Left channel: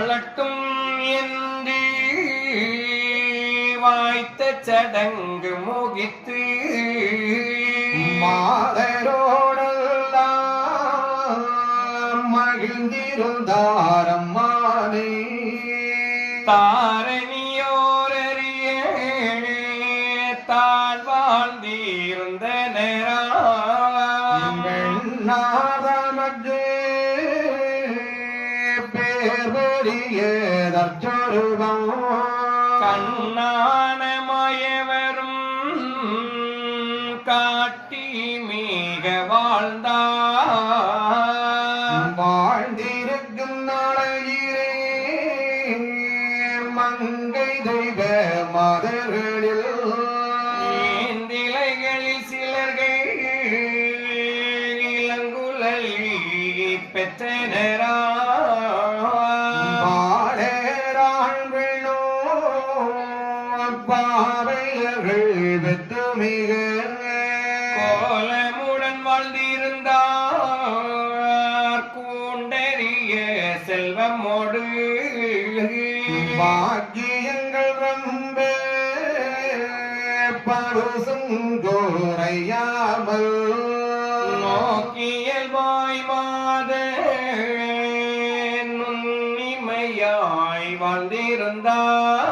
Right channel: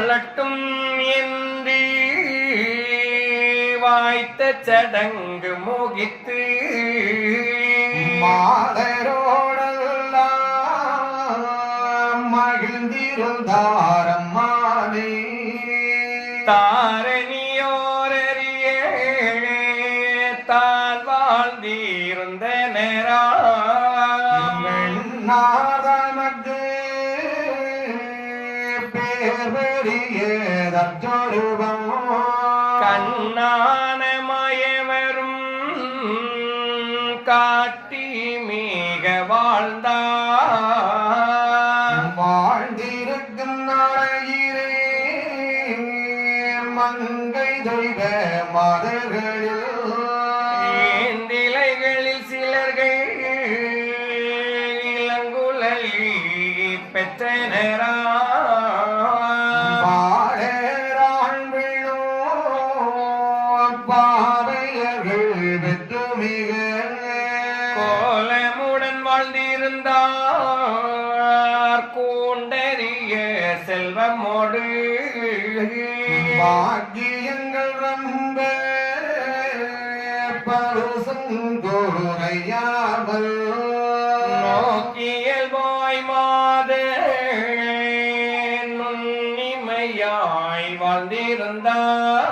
வாழட்டும் என்று வாய்த்த சடங்கு முகித்து மாதரோடெல்லாம் மகிழ்ந்திருந்தாரம்மானே தாரணியோரறிய தாழ் வாழ்ந்திருந்த நேரா நாதமக்கு பேர்வெறியதற்சொருவம் கண்ணான மயவரும் காட்டி மிக வாழ்ந்தார் வாழ்ந்திருக்கும் நாளையிலே மங்கை தெய்வ மதர்களில் ஏந்திலைகளில் சிலர்கள் இளங்குழலி பெற்றனரா பாரேராள் விழோ பாவையர்கள் வெற்றுமிக கோலமுடன் வாழ்ந்திருந்தார் கூண்டறிய செல்வமோடு பாக்கியங்கள் ரொம்ப பருசங்கோரையாமல் நோக்கியல் வாய் மாத நுண்ணிமையாய் வாழ்ந்திருந்தார்